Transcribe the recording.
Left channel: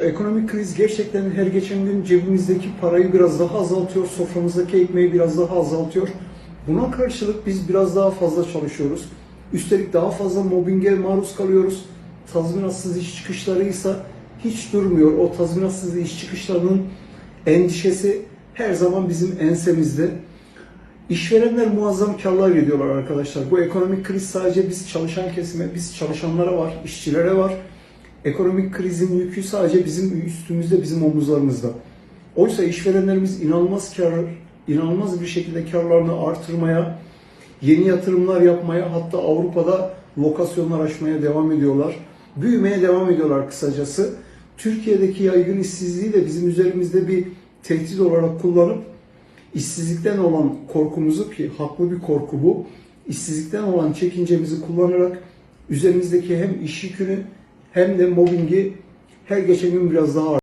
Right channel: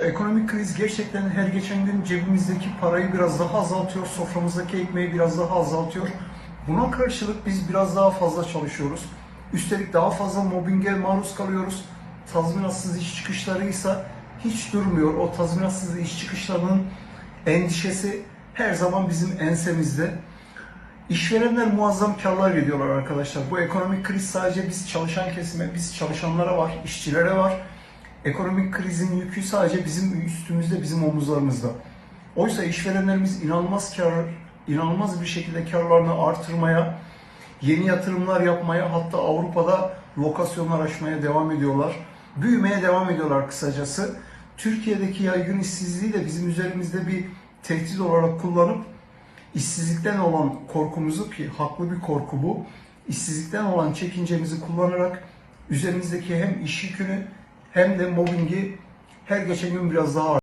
Ekonomik kriz gerçekten her geçen gün cebimizdeki parayı biraz daha azaltıyor, soframızdaki ekmeği biraz daha azaltıyor. Buna karşılık biz biraz daha fazla çalışıyoruz. Üstelik daha fazla mobbinge maruz kalıyoruz. Tazminatsız iş çıkışlarıysa hiç durmuyor. O tazminatsız iş çıkışlarının endişesi her zaman bizim ensemizde. İşverenler muazzam karlar ediyorlar arkadaşlar. Bu ekonomik kriz sadece biz çalışan kesime, biz çalışanlara var, işçilere var. Ekonomik krizin yükü sadece bizim üstümüzde, bizim omuzlarımızda. Oysa işverenlerimiz inanılmaz kar, inanılmaz bir şekilde karlarını artırmaya, yeni yatırımlar yapmaya, hatta Avrupa'da lokasyonlar açmaya devam ediyorlar. Büyümeye devam ediyorlar kısacası. Türkiye'deki yaygın işsizliği de bizim üzerimizde bir tehdit olarak kullanıp işsizlikten olan korkumuzu ki haklı bir korku bu, işsizlikten olan çekincemizi kullanarak üzerimizdeki hem iş yükünü hem de mobbingi her geçen gün biraz daha